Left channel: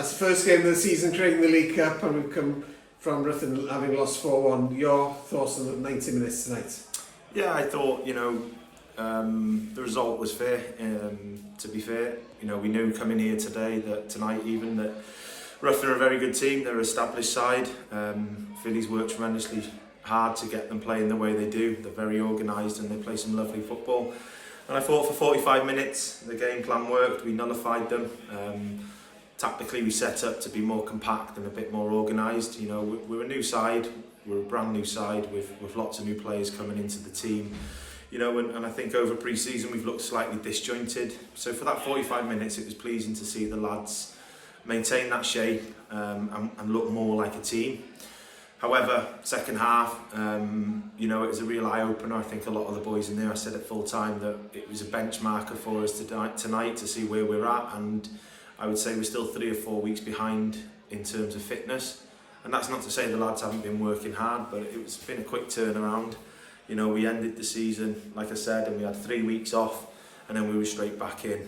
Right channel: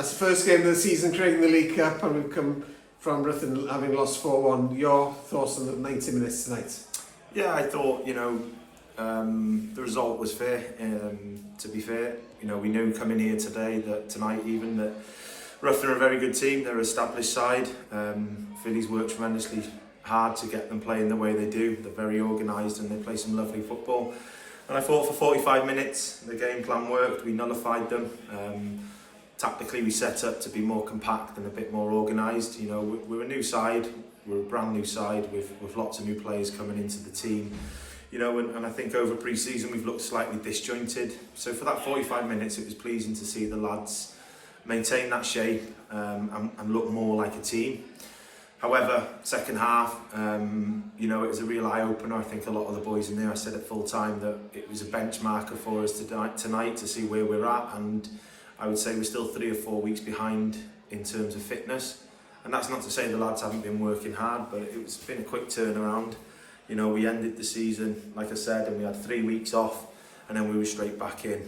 That's the first game of the season, Craig, in the League Cup, and we've come from Ruthin having lost 4-1. Your thoughts on the 90 minutes tonight? Yeah, I thought, the result was fair. To be fair, we knew coming here tonight even, that Ruthin are a very good team. They're an established side. Philly's worked tremendously hard to get them playing the way they do. They're very organised and they play some lovely football. And I thought for 45 minutes the game plan worked. We nullified them. Tactically we set up to be more compact and a bit more organised. We're a new side. We're a brand new side with lots of new players coming into the team. And I think over pre-season we've looked slightly disjointed. So for that 45 minutes it was pleasing to see the lads maintain that shape and look more like a team. However, second half, it was a real eye-opener. I think a lot of the boys in there, I said at full time that it was a benchmarker for us tonight to see where we're at, and I would say we're still 3 or 4 weeks behind in terms of fitness. And that's not to say the lads haven't been working hard, but it's been a quick turnaround. We ended the season, like I said, and we had 3 weeks off, and then we were straight back in.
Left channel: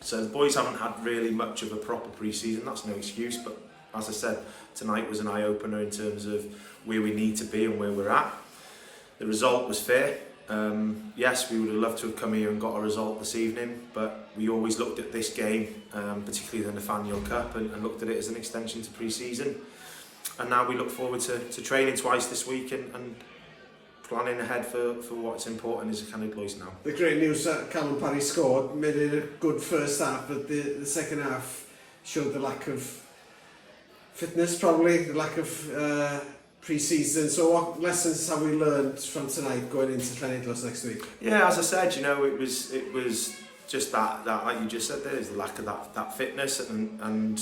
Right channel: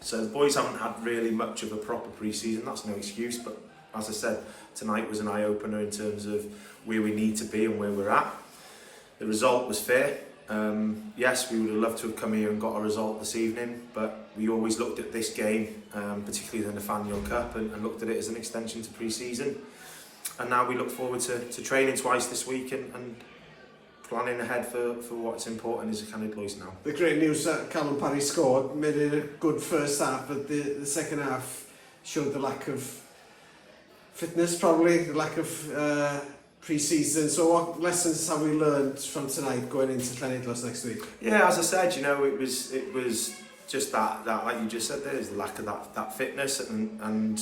So the boys haven't had really much of a proper pre-season. That's no excuse, but as I said, tonight was an eye-opener in terms of where we need to be and where we're at. The result was fair. Yes, we would have loved to have come here and got a result this evening, but we always looked at this game, particularly the Nathaniel Cup, and looked at it as an extension to pre-season. And now we look forward to training twice this week and planning ahead for what's important as a Canada boys now. The great news that Callum Parry scored made it a good first half, but the second half showed the lack of fitness, probably the lack of pre-season. So what lessons have we learned from tonight going into Llanidlos next week? Yeah, as I said, it was just that like you just said, there's the lack of that fitness, and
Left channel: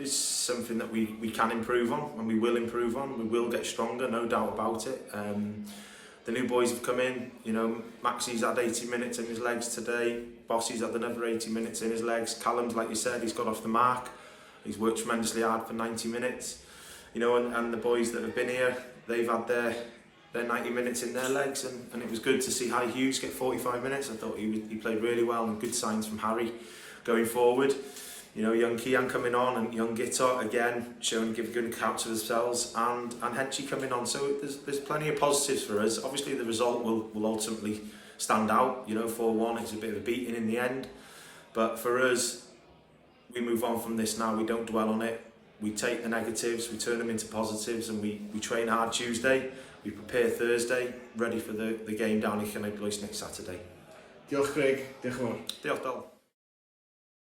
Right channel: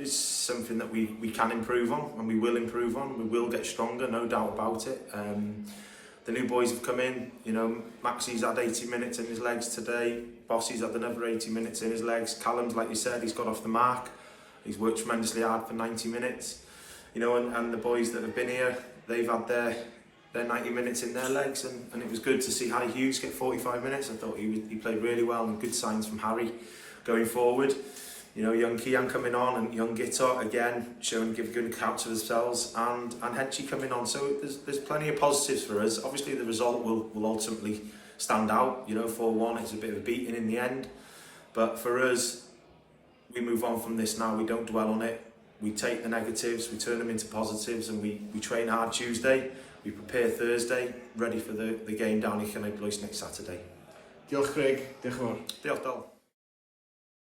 it's something that we can improve on, and we will improve on. We will get stronger, no doubt about it. The new boys have come in. Maxi's had 80 minutes in his legs today. Bossy's had another 80 minutes in his legs. Callum's, like you said, he's got off the mark. He's worked tremendously hard for 90 minutes. And the boys that have been here, they've had their 90 minutes in their legs, and it was good to see Harry Hughes get 45 minutes. I thought he played really well, and good signs from Harry going forward. Young Kian coming on, and young Gitter again giving good accounts of themselves, and Henchy coming on. So there's plenty of positives for us. Obviously the result will ultimately stand out. 4-1, it's a bit of a beating in the end, but for us, we move on from this now. We don't dwell on it. We take the negatives, we turn them into positives, and we train hard Tuesday. We prepare Thursday, ready for the game down in Llanidlos next Saturday. Diolch Craig, diolch yn fawr. Diolch Del.